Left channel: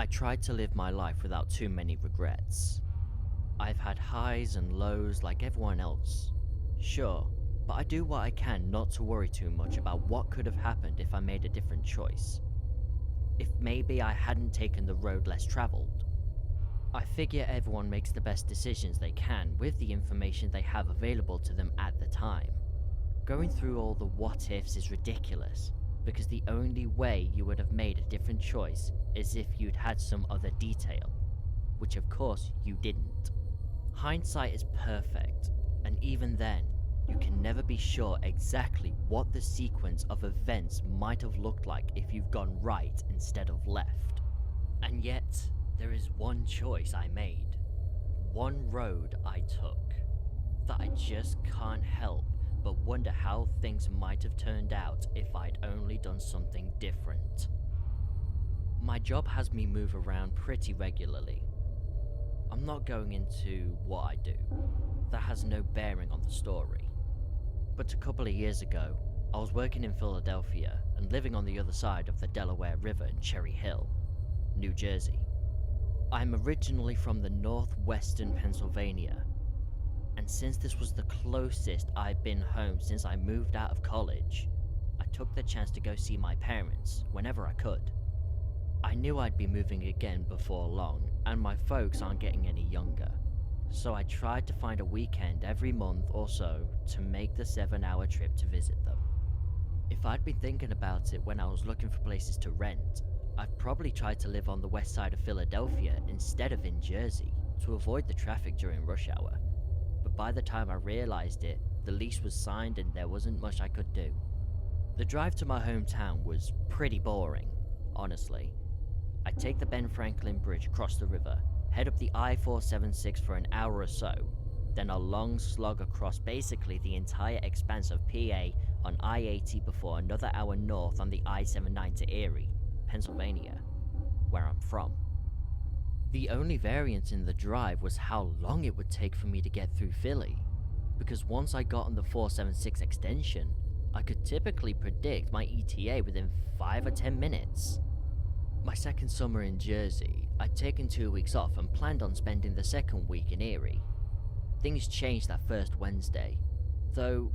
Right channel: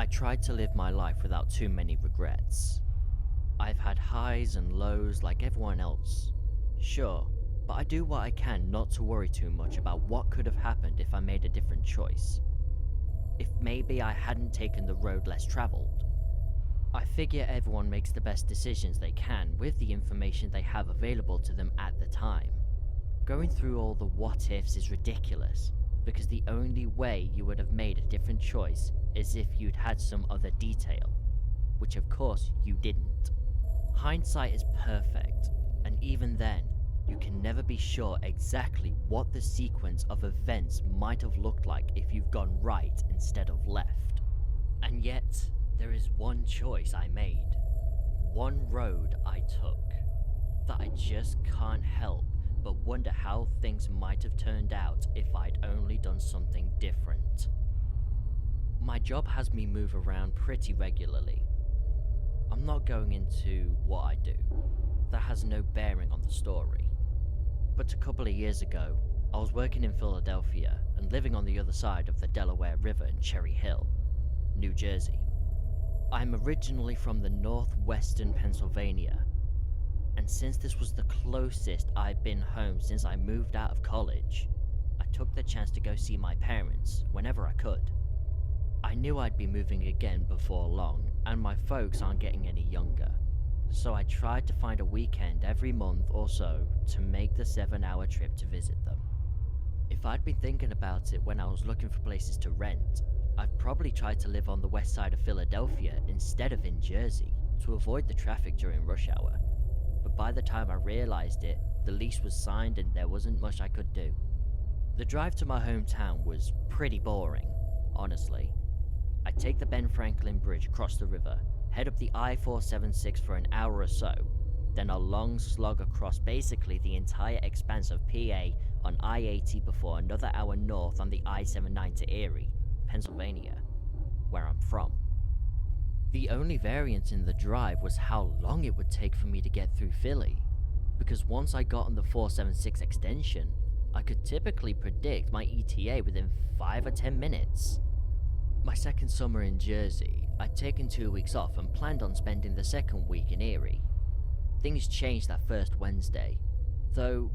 I tried to live my life without too many regrets. I've had highs and lows like everyone else, sure, but I do what I can not to worry too much about what could have happened if I made a different choice. If maybe I hadn't taken the road less travelled. I figure everyone makes the best decisions they can with the information they have available to them at the time. Going through all the what ifs is ridiculous, because the only way you would have made a different choice is if you'd had some other detail, which of course you didn't. Hindsight is perfect, and even then, you can never be sure exactly what the sequence of events might have looked like if you've gone right instead of left. And yet, there is one choice I made, one road I took, that I just can't help but wonder how things might have turned out if I'd only done something different. My job has me move around pretty regularly. I'm not going into what I do, that has no bearing on the story. But a couple of years ago, I was working in Philadelphia and living on the other side of the Delaware River in Cherry Hill, New Jersey. I'm originally from the northwestern Pennsylvania, and since this was the closest I've been home since I moved out of college, I took the chance to go see my parents whenever I could. I knew I'd be moving again before long, and my folks aren't getting any younger, so I tried to find a weekend every month or so to make the 7-hour trip to visit them. If I'd been thinking about it when I was looking for places to rent, I'd probably tried to live on the west side of Philadelphia instead of in Jersey to avoid the traffic during rush hour. But by the time I realised it, the lease was signed and there wasn't much I could do. The drive to my hometown was pretty boring, honestly. I'd take the Ben Franklin Bridge across the river, head up the I-476 for an hour or so, then a long slog across basically the entire expanse of PA on I-80 before another hour north on the I-79 to Erie, Pennsylvania, where I'm from. The only variance in the drive was how long it would take for me to get through Philly, because once I got on the 476 extension, I could typically predict my ETA within 5 or 10 minutes. My second summer in Jersey, I'd taken 2 weeks off and planned on spending the second week in Erie. Things changed that first Wednesday, though,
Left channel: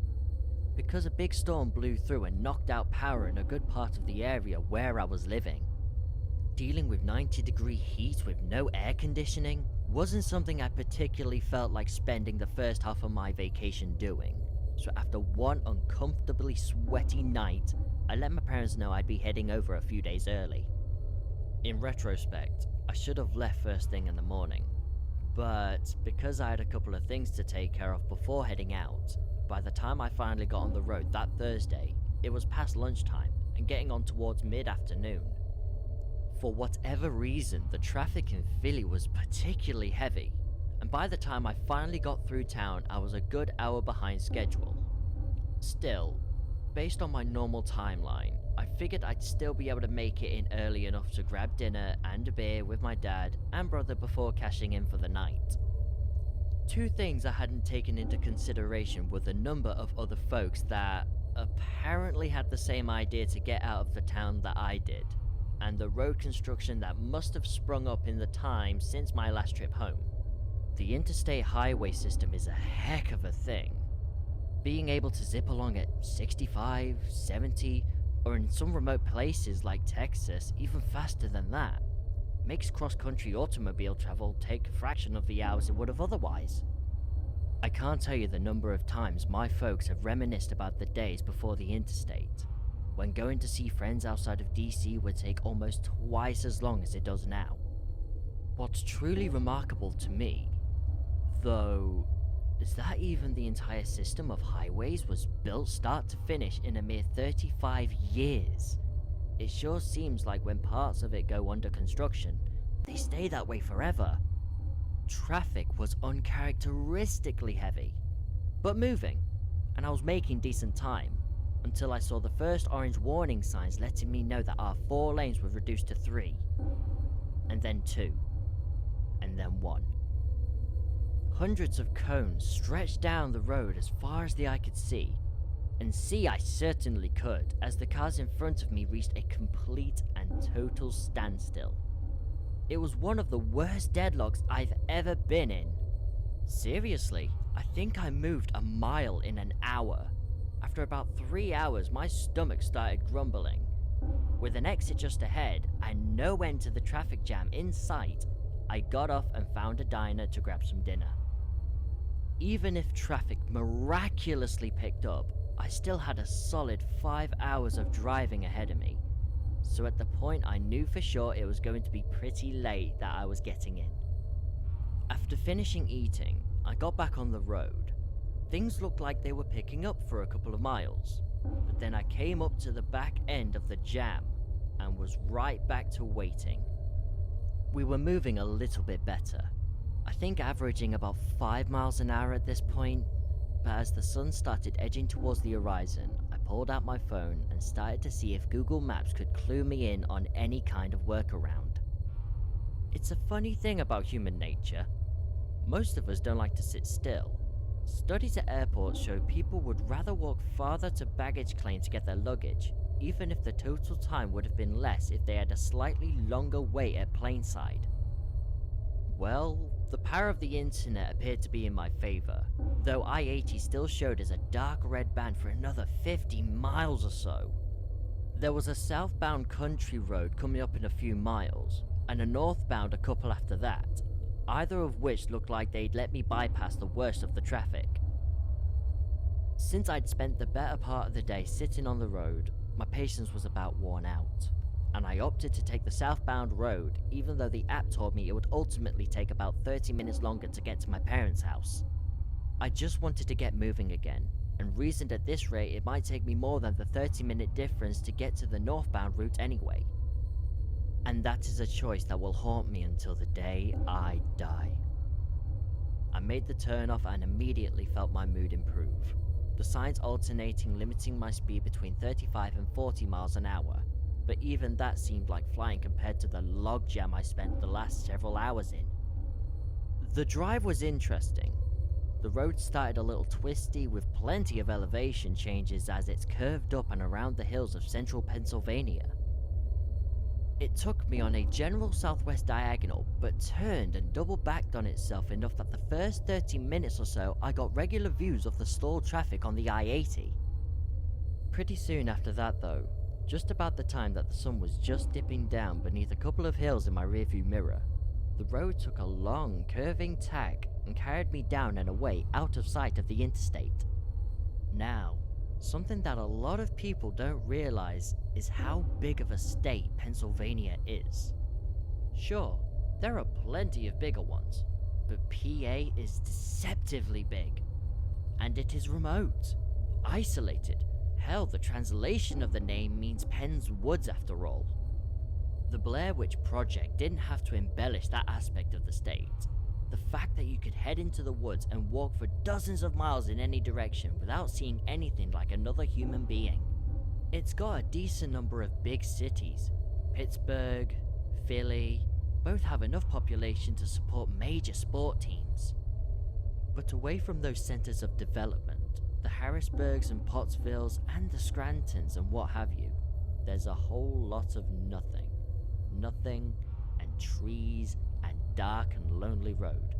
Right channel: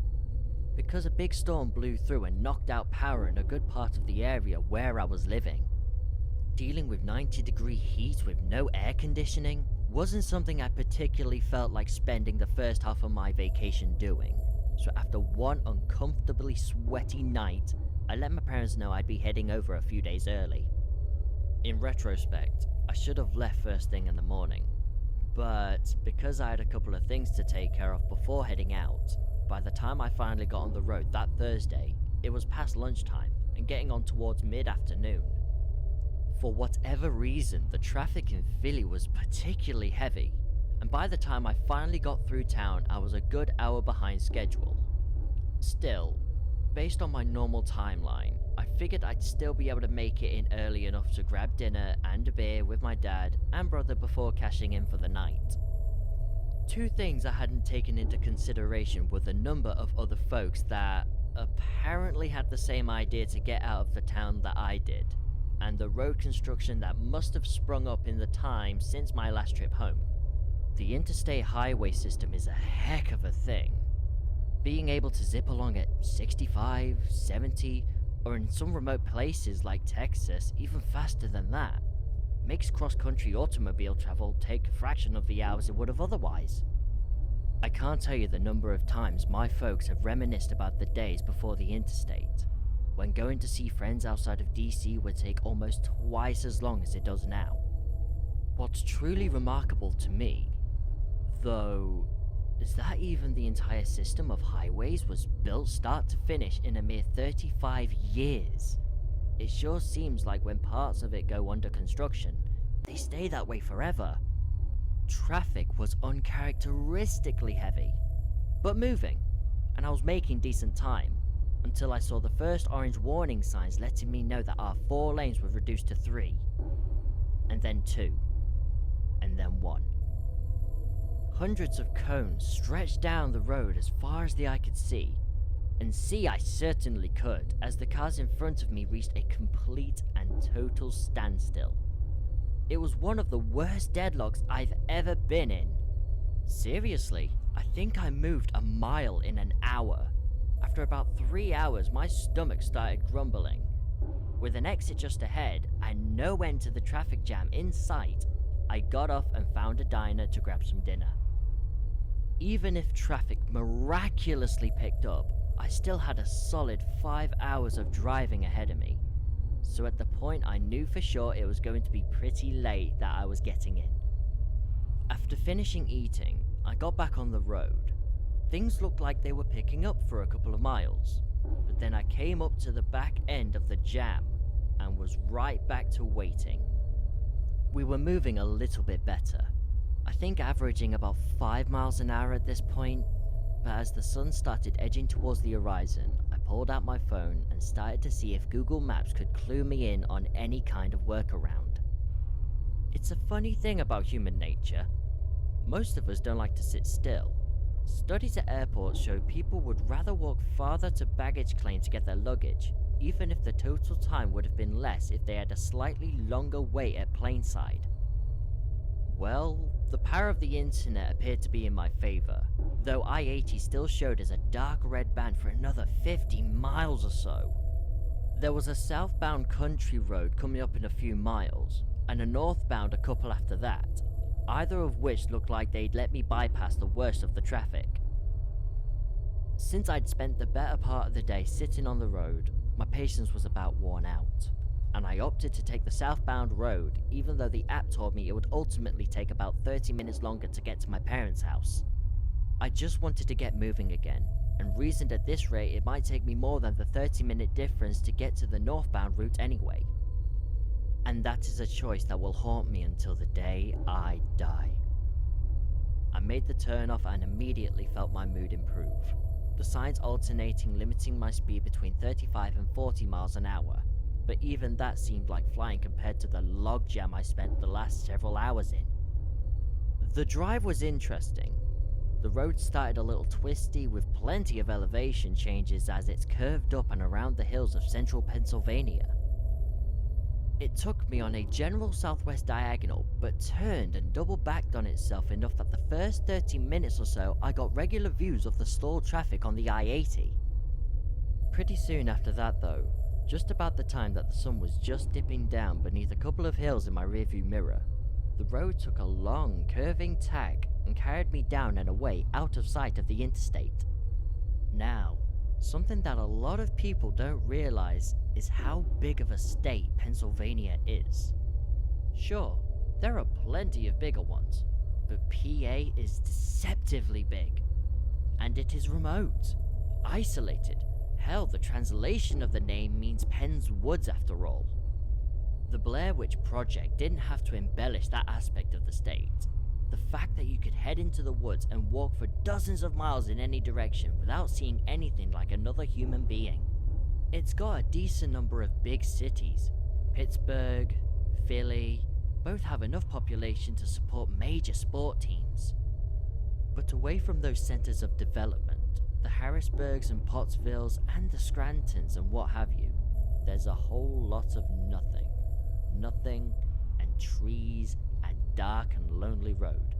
because a big storm blew through and knocked out power in a good part of the area where I was living. Dealing with 90-degree heat with no air conditioning wasn't something I particularly felt like spending the first half of my vacation doing, so after one uncomfortably sweaty night, I let my parents know I'd be heading over a few days early. In retrospect, I should have left first thing in the morning, but because I had a couple of things to take care of before heading out, by the time I finally got on the road that Thursday, it was past lunchtime and getting on towards mid-afternoon. For whatever reason, the traffic in Philly was particularly heavy, and by the time I finally got through town, I was a good hour behind schedule. Still, based on my normal timeline, I figured I'd still be able to make it in early enough to grab dinner and a beer with my dad and brother before cashing in for the night. Two things I hadn't taken into consideration were the number of other folks that apparently had the same idea to get out of the town that I did, and the road construction that must have sprung up in the time since my last trip home. The interstate highway system is a heck of a thing. Being able to zip along at 65, 70, or in some remote places like Texas, even faster than that, makes cross-country automobile travel take a fraction of the hours it would have otherwise. I can't tell you the number of times my folks have reminisced about the days before the interstate, when going to see friends outside of DC would take almost twice as long as it does now. What's truly remarkable to me, though, is that even the entire system of highways was built start to finish in a mere 35 years. It sure seems like when parts of it go under construction, they stay that way forever. Traffic was uncharacteristically heavy, but moving, and I was making decent time, until I saw the first orange warning signs letting me know that our 4 lanes were reduced to 3, and then 2, and then 1. Hundreds of cones stretched down the road as far as the eye could see, and see I certainly could as the cars in front of me reached a complete and total standstill. It was one of the worst deadlocks I've ever been in. Seriously, I think I moved a mile in an hour. After about 3 hours, my stomach started grumbling. With an exit just ahead and no end to the traffic jam in sight, I got off and found a diner to grab some dinner. Even if traffic miraculously picked up, I still had a solid 5 hours of driving ahead of me. So at the point I knew for sure it was going to be pretty late that I was getting in. After finishing eating, I got back on the road. Things looked like they were picking up for a couple of miles, but then I came up to the back end of the jam and was right back to waiting. We were moving a little bit better, I think averaging about 5 miles an hour at this point, but as the sun started edging towards the horizon, I pulled out my phone and started to see if Google Maps could clue me in on any kind of workaround. It's a funny thing about human nature. Most of us don't like to sit still. Studies at airports show people would rather walk farther to baggage claim to get their luggage, even if the total time would have been less if they had a slightly longer wait at planeside. Well, the power of the internet appeared to be in my favor, though I-80 still showed as a dark red band for another 50 miles or so. There was a southbound country road coming up in a few miles, and a northbound a couple after that, either of which looked like they'd let me bypass the worst of the traffic. Since I'd spent the better part of the day sitting on the road, my patience was about worn out, and I opted to take the southbound road even though the app told me it would ultimately take about 30 minutes longer to get to my parents' house. I just wanted to get moving again, and reasoned at this rate it might take me more than the 30-minute difference to get to the northbound route anyway. And that is a choice that will haunt me until the day I die. I made the turnoff and immediately felt my mood improve, the signs alternating limiting my speed between 35 and 40 miles an hour, but even that seemed like flying compared to the logjam I spent the last several hours in. The drive was interesting. The road started a little twisty with plenty of elevation changes as it's curved up and around the hills of central Pennsylvania. It took me on a general southwest diagonal, but turned and double backed on itself enough that the first 30 minutes or so I got regular views of the stalled traffic on the I-80. Pretty soon after that though, just about the time that the sun was just dipping down beneath a couple of hills in my rearview mirror, the road took a long, curving tack and carried me down and away out of sight of the interstate. Now, something that a lot of people don't realize is how big of a state Pennsylvania is. Sure, there are plenty of bigger ones, but PA is deceptively big. And it is remote, isolated. Hell, the translation of the name means Penn's Woods after all. The Blair Witch Project didn't have to embellish that aspect of the state. The fact that you could head into the woods and walk for dozens of miles in any direction without seeing anything like another human being. It's got a decent number of big cities. Pittsburgh, Philly, both have enough population to support major sport teams. But away from those centers of development, the Harrisburgs and Pottsvilles and the Scrantons and what have you, there's a whole lot of nothing. Nothing and trees and dark and lonely road.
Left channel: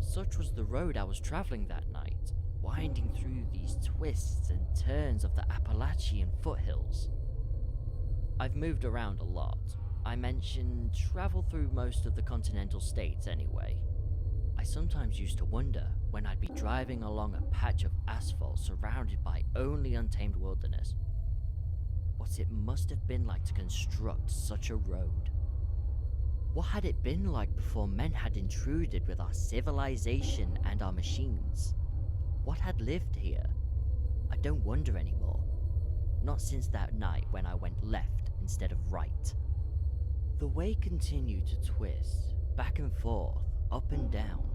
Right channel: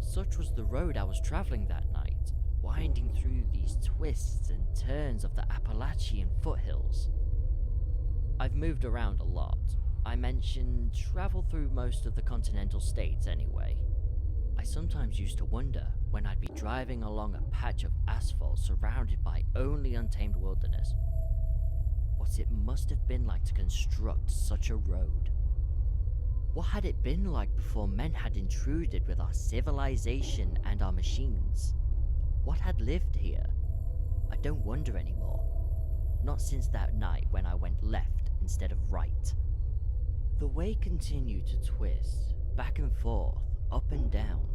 Such was the road I was traveling that night, winding through these twists and turns of the Appalachian foothills. I've moved around a lot. I mentioned travel through most of the continental states anyway. I sometimes used to wonder when I'd be driving along a patch of asphalt surrounded by only untamed wilderness, what it must have been like to construct such a road. What had it been like before men had intruded with our civilization and our machines? What had lived here? I don't wonder anymore. Not since that night when I went left instead of right. The way continued to twist, back and forth, up and down.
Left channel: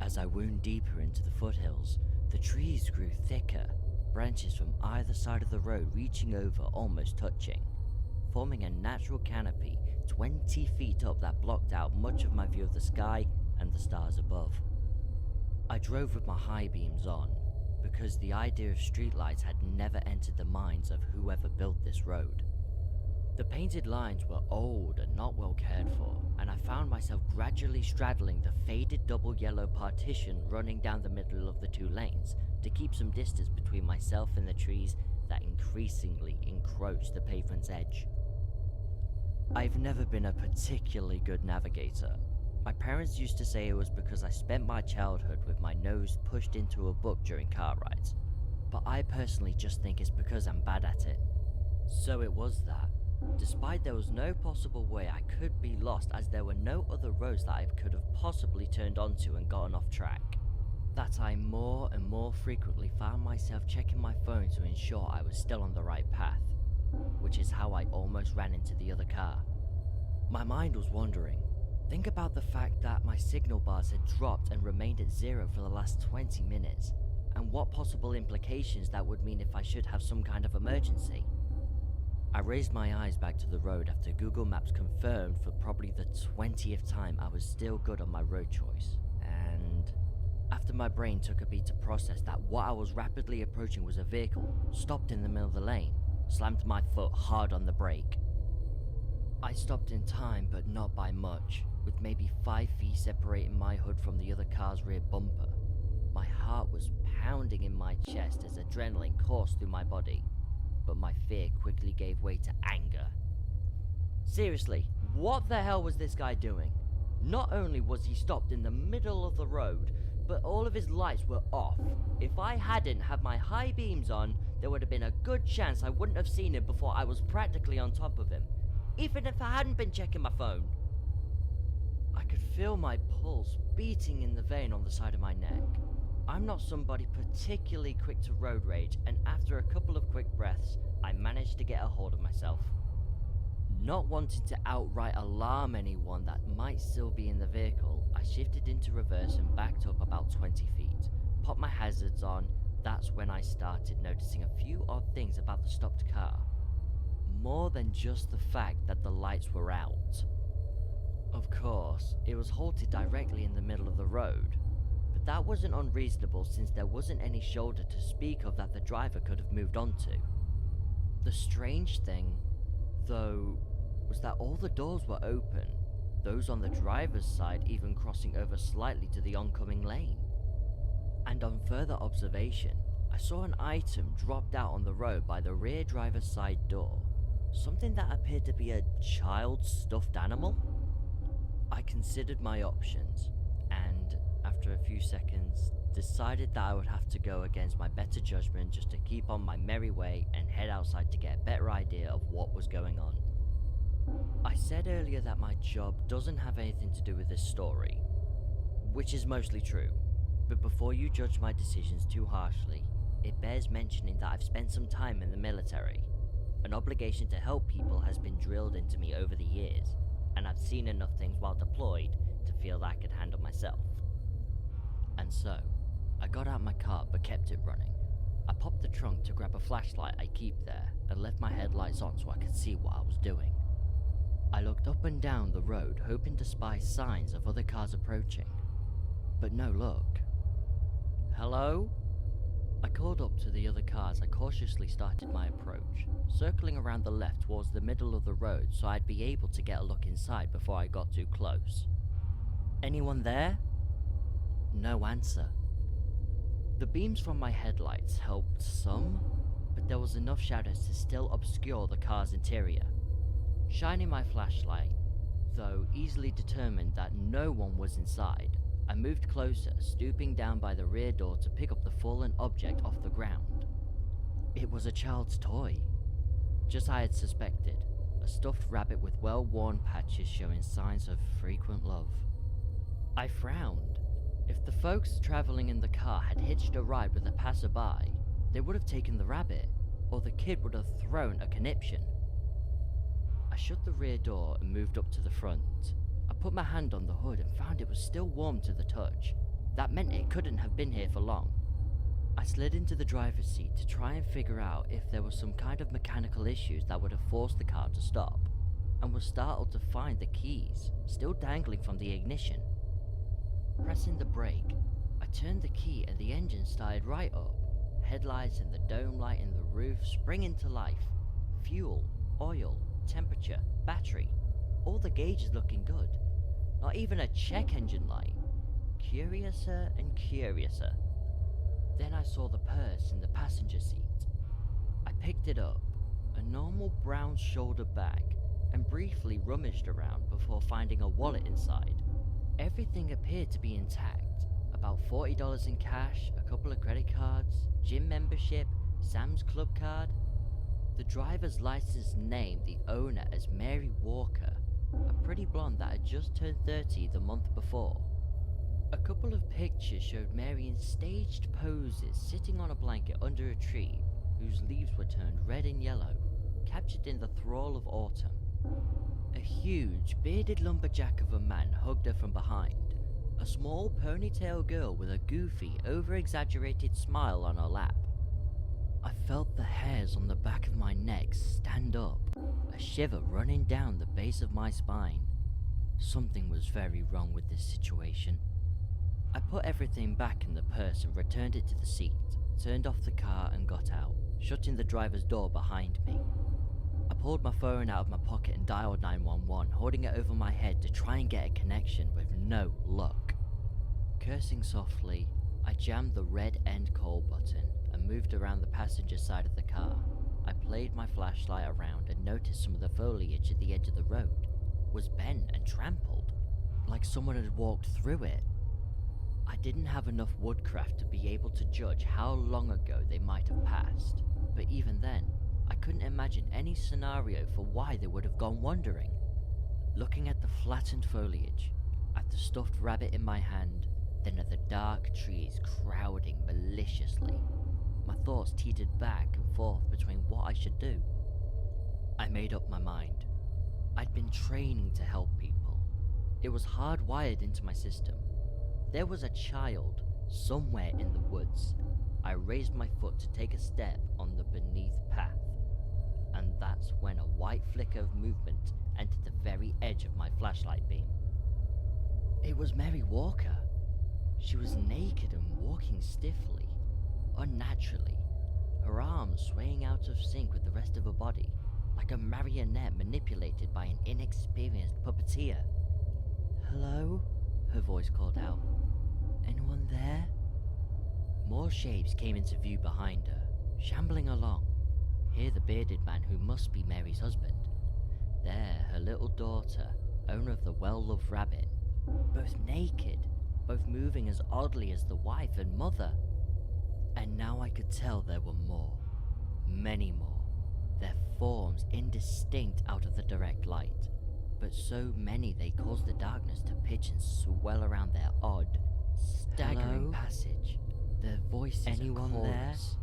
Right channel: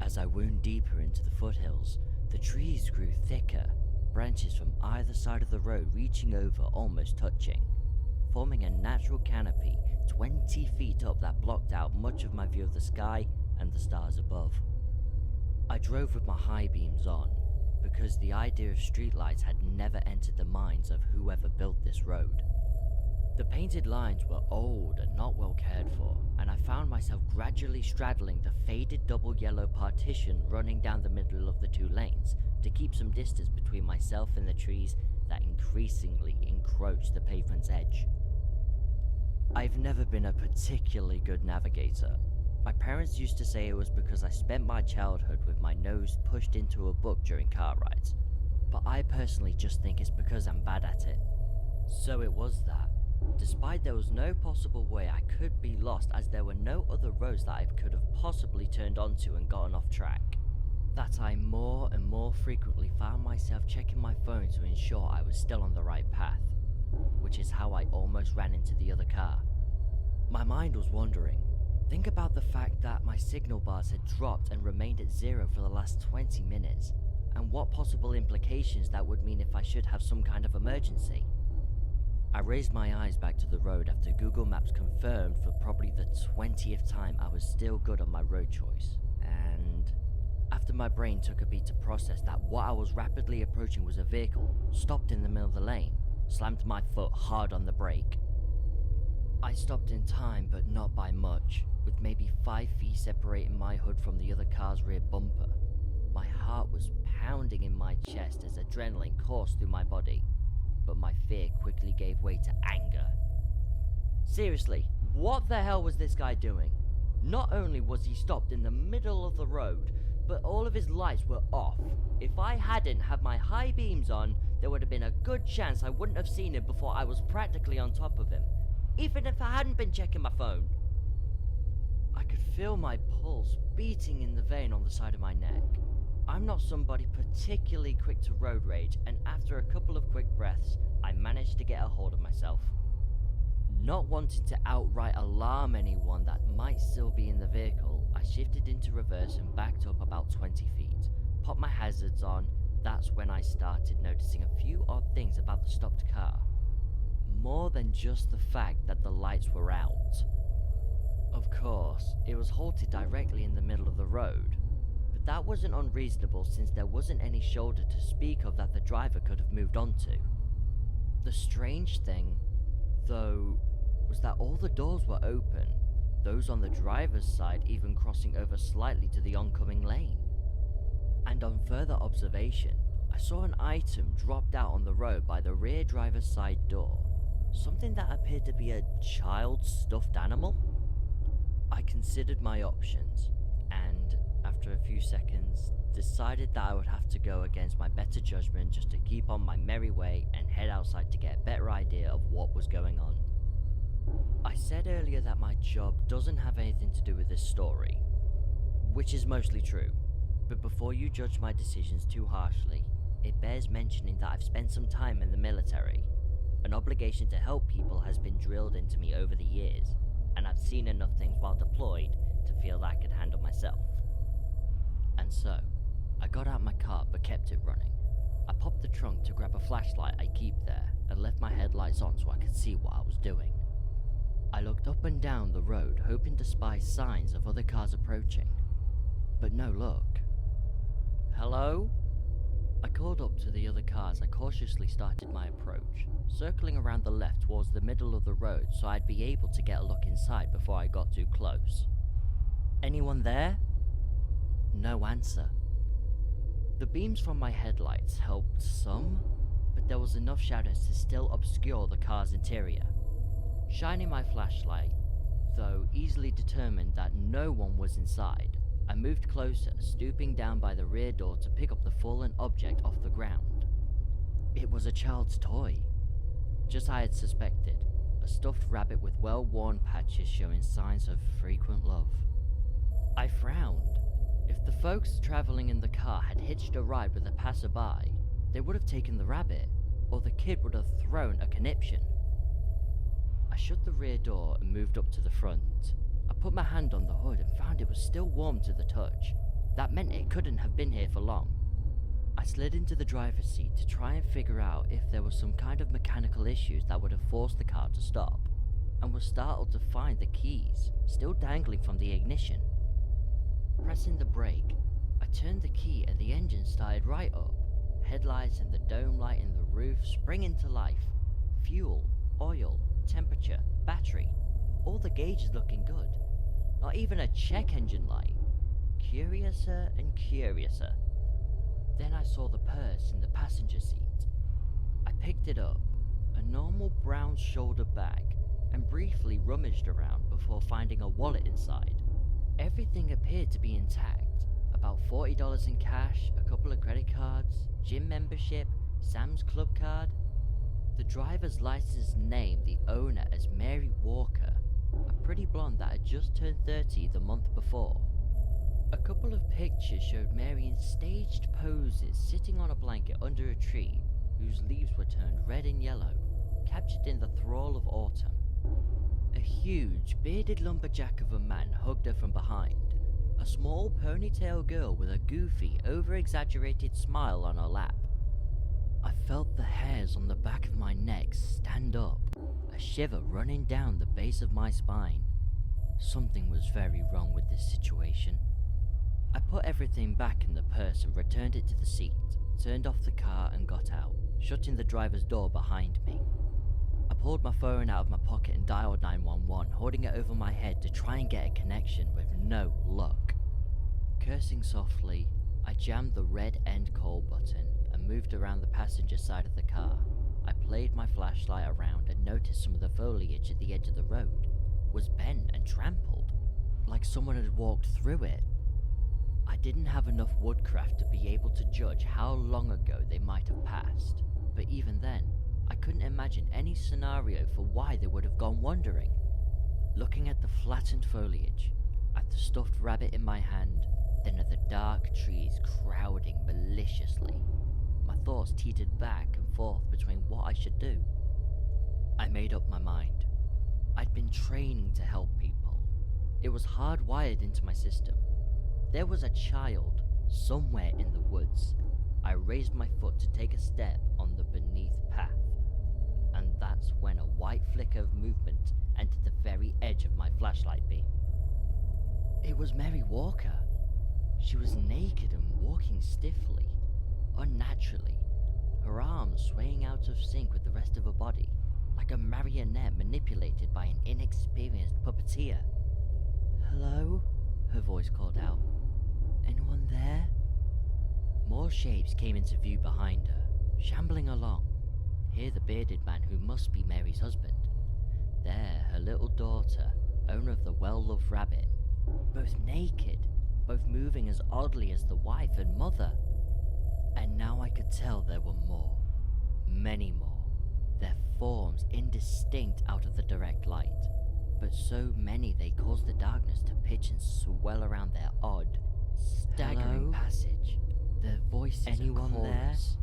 As I wound deeper into the foothills, the trees grew thicker, branches from either side of the road reaching over almost touching, forming a natural canopy 20 feet up that blocked out much of my view of the sky and the stars above. I drove with my high beams on, because the idea of streetlights had never entered the minds of whoever built this road. The painted lines were old and not well cared for, and I found myself gradually straddling the faded double yellow partition running down the middle of the two lanes to keep some distance between myself and the trees that increasingly encroached the pavement's edge. I've never been a particularly good navigator. My parents used to say it was because I spent my childhood with my nose pushed into a book during car rides, but I personally just think it's because I'm bad at it. So it was that, despite there was no possible way I could be lost as there were no other roads that I could have possibly turned onto and gotten off track, that I more and more frequently found myself checking my phone to ensure I was still on the right path, which is how I almost ran into the other car. My mind was wandering. Think about the fact that my signal bars had dropped and remained at 0 for the last 20 minutes, and what possible implications that would mean if I should have some kind of emergency. I raised my eyes back to the road after Google Maps confirmed for probably the 20th time I was still good on my road choice, and after my brain took a beat to process that what I was rapidly approaching was a vehicle, stopped in the middle of the lane, slammed my foot hard on the brake. I stopped in time, but not by much, with maybe 5 feet separating my hood from the other car's rear bumper. My heart was pounding in my chest as adrenaline coursed through my body, but my fear quickly gave way to anger. Seriously, what the hell was this guy doing? Not only was he stopped in the middle of the road, but all of his lights were off. If I hadn't had my high beams on, there would have been a good chance I wouldn't have seen him before I was practically on top of him, even if I hadn't been checking my phone. I could feel my pulse beating in the vein on the side of my neck. I'm not somebody particularly quick to road rage, and after a couple of quick breaths, I managed to get a hold of myself. Not wanting to outright alarm anyone that might still be in the vehicle, I shifted into reverse and backed up about 20 feet, popped my hazards on. That's when I started noticing a few odd things about the stopped car. More than just the fact that the lights were out. Of course, it was halted directly in the middle of the road, but that wasn't unreasonable since there wasn't any shoulder to speak of that the driver could have moved onto. The strange thing, though, was that all the doors were open, those on the driver's side even crossing over slightly to the oncoming lane. And on further observation, I saw an item dropped out on the road by the rear driver's side door, something that appeared to be a child's stuffed animal. I considered my options, and after a few seconds, decided that I would have to go against my better judgment just to keep on my merry way and head outside to get a better idea of what was going on. I said earlier that my job doesn't have anything to do with this story, which is mostly true, but before you judge my decisions too harshly, it bears mentioning that I've spent some time in the military. An obligation to help people has been drilled into me over the years, and I've seen enough things while deployed to feel that I could handle myself. And so, I got out my car but kept it running. I popped the trunk to grab a flashlight I keep there and left my headlights on so I could see what I was doing. I looked up and down the road hoping to spy signs of other cars approaching, but no luck. Hello? I called up to the other car as I cautiously started my approach, circling around the left towards the middle of the road so I'd be able to get a look inside before I got too close. Anyone there? No answer. The beams from my headlights helped some, but there was enough shadows to still obscure the car's interior. Shining my flashlight, though easily determined that no one was inside, I moved closer, stooping down by the rear door to pick up the fallen object off the ground. It was a child's toy. Just as I had suspected, a stuffed rabbit with well-worn patches showing signs of frequent love. I frowned. If the folks traveling in the car had hitched a ride with a passerby, they would have taken the rabbit, or the kid would have thrown a conniption. I shut the rear door and moved up to the front. I put my hand on the hood and found it was still warm to the touch. That meant it couldn't have been here for long. I slid into the driver's seat to try and figure out if there was some kind of mechanical issues that would have forced the car to stop, and was startled to find the keys still dangling from the ignition. Pressing the brake, I turned the key and the engine started right up. Headlights and the dome light in the roof spring into life. Fuel, oil, temperature, battery. All the gauges looking good. Not even a check engine light. Curiouser and curiouser. Then I saw the purse in the passenger seat. I picked it up, a normal brown shoulder bag, and briefly rummaged around before finding a wallet inside. Everything appeared to be intact. About $40 in cash, a couple of credit cards, gym membership, Sam's Club card. The driver's license named the owner as Mary Walker, a pretty blonde that had just turned 30 the month before. A couple of pictures showed Mary in staged poses sitting on a blanket under a tree whose leaves were turned red and yellow, captured in the thrall of autumn. A huge, bearded lumberjack of a man hugged her from behind. A small ponytail girl with a goofy, over-exaggerated smile on her lap. I felt the hairs on the back of my neck stand up, a shiver running down the base of my spine. Something was very wrong with this situation. I put everything back in the purse and returned it to the seat, turned off the car and got out, shutting the driver's door behind me. I pulled my phone out of my pocket and dialed 911, holding it over my head to try and get a connection with no luck. Cursing softly, I jammed the red end call button and moved around the passenger side of the car. I played my flashlight around and noticed some of the foliage at the edge of the road was bent and trampled, like someone had walked through it. I didn't have enough woodcraft to be able to judge how long ago they might have passed, but even then, I couldn't imagine any scenario for why they would have gone wandering. Looking at the flattened foliage, at the stuffed rabbit in my hand, then at the dark trees crowding maliciously, my thoughts teetered back and forth between what I should do. I made up my mind. I'd been training to help people. It was hardwired into my system. There was a child somewhere in the woods. I raised my foot to take a step on the beneath path, and that's when a white flicker of movement entered the very edge of my flashlight beam. It was Mary Walker. She was naked and walking stiffly, unnaturally, her arms swaying out of sync with the rest of her body, like a marionette manipulated by an inexperienced puppeteer. "Hello?" her voice called out. "Anyone there?" More shapes came into view behind her, shambling along. Here the bearded man who must be Mary's husband. There her little daughter, owner of the well-loved rabbit. Both naked, both moving as oddly as the wife and mother. And now I could tell there were more. Many more. Their forms indistinct out of the direct light. But so many they caused the darkness to pitch and swell around their odd, staggering passage. Their voices Anyone a chorus.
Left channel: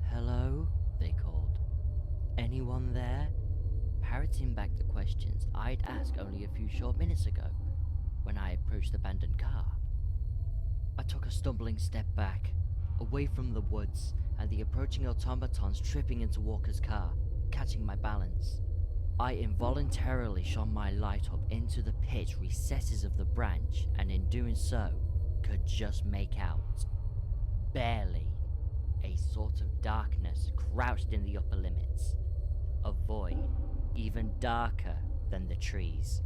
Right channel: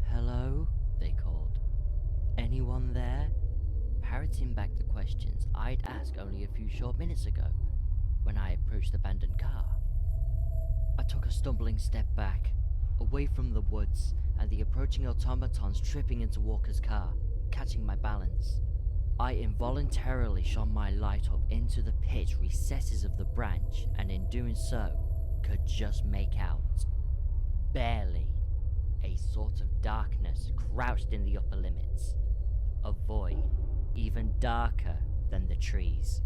there? "Hello?" they called. "Anyone there?" Parroting back the questions I'd asked only a few short minutes ago, when I approached the abandoned car. I took a stumbling step back, away from the woods and the approaching automatons tripping into Walker's car, catching my balance. I involuntarily shone my light up into the pitch recesses of the branch, and in doing so, could just make out, barely, a sort of darkness crouched in the upper limits. A void, even darker than the trees.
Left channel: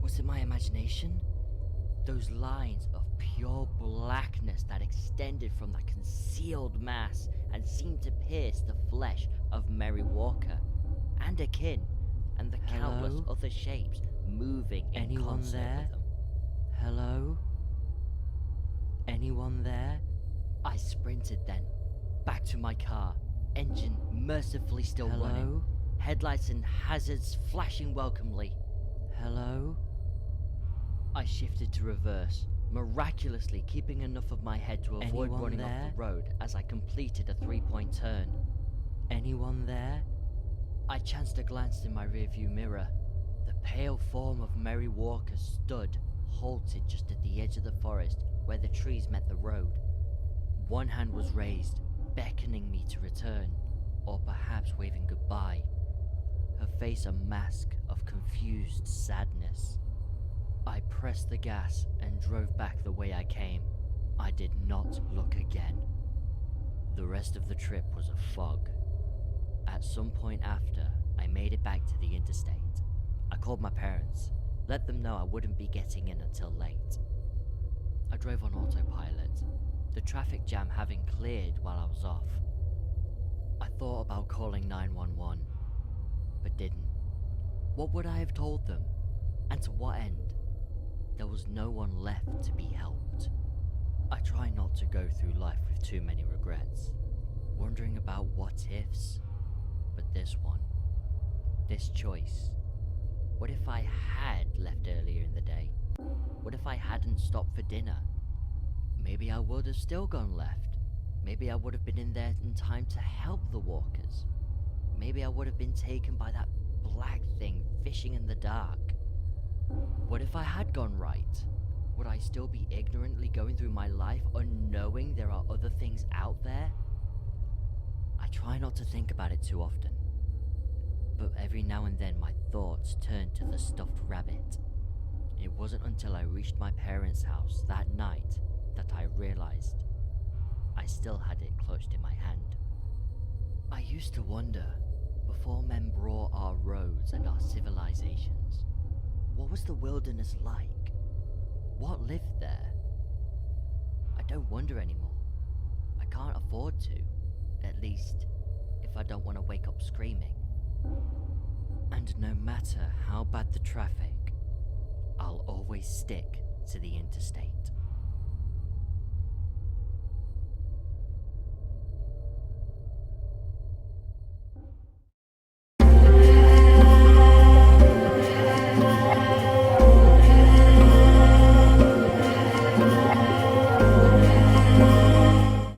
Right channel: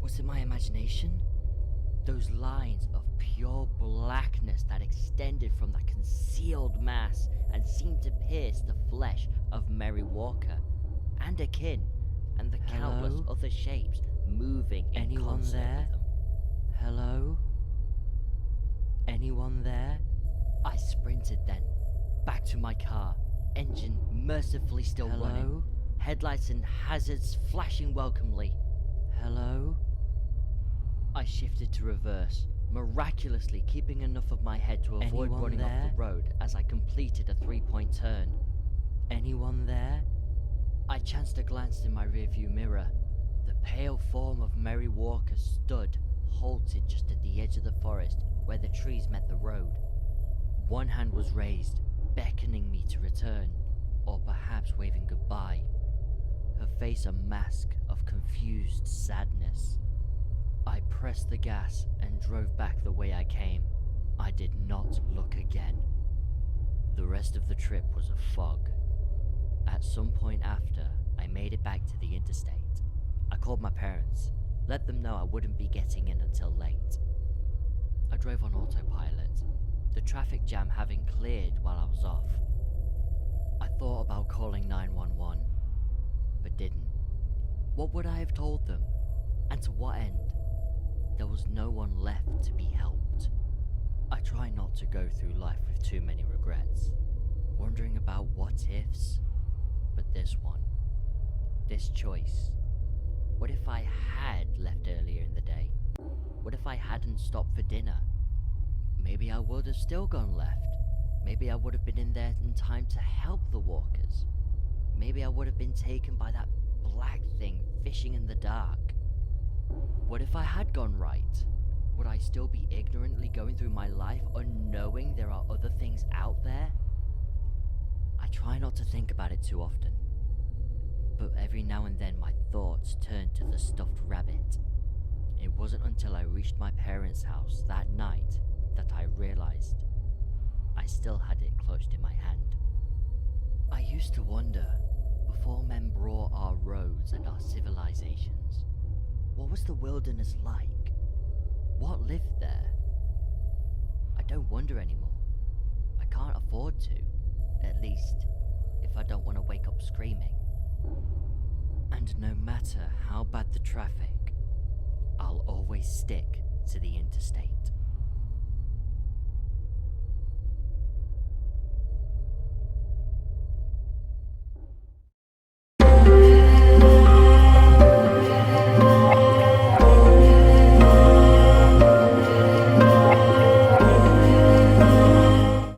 Was it my imagination? Those lines of pure blackness that extended from that concealed mass and seemed to pierce the flesh of Mary Walker and her kin, and the countless Hello? other shapes moving in Anyone concert there? with them. Hello? Anyone there? I sprinted then, back to my car, engine mercifully still running, Hello? headlights and hazards flashing welcomely. Hello? I shifted to reverse, miraculously keeping enough of my head to avoid Anyone running off there? the road as I completed a 3-point turn. Anyone there? I chanced a glance in my rearview mirror. The pale form of Mary Walker stood, halted just at the edge of the forest where the trees met the road. One hand was raised, beckoning me to return, or perhaps waving goodbye. Her face a mask of confused sadness. I pressed the gas and drove back the way I came. I did not look again. The rest of the trip was a fog. At some point after, I made it back to the interstate. I called my parents, let them know I wouldn't be getting in until late. I drove on autopilot, the traffic jam having cleared while I was off. I thought about calling 911, but didn't. What would I have told them? And to what end? There was no one left to be helped. I try not to go through life with too many regrets, wondering about what ifs, but this one, this choice. What if I had left earlier in the day? What if I hadn't stopped for dinner? Maybe I would have still gone left. Maybe I would have been in there in time to help the walkers. Maybe I would have been taken by that black thing fishing in the dark. What if I had gone right? Would I still be ignorantly going through my life unknowing there are other things out there? I try not to think about it too often, but every now and then my thoughts turn to the stuffed rabbit. It wasn't until I reached my parents' house that night that I realized I still had it clutched in my hand. I used to wonder, before men brought our roads and our civilizations, what was the wilderness like? What lived there? I don't wonder anymore. I can't afford to, at least if I don't want to wake up screaming. And no matter how bad the traffic, I'll always stick to the interstate.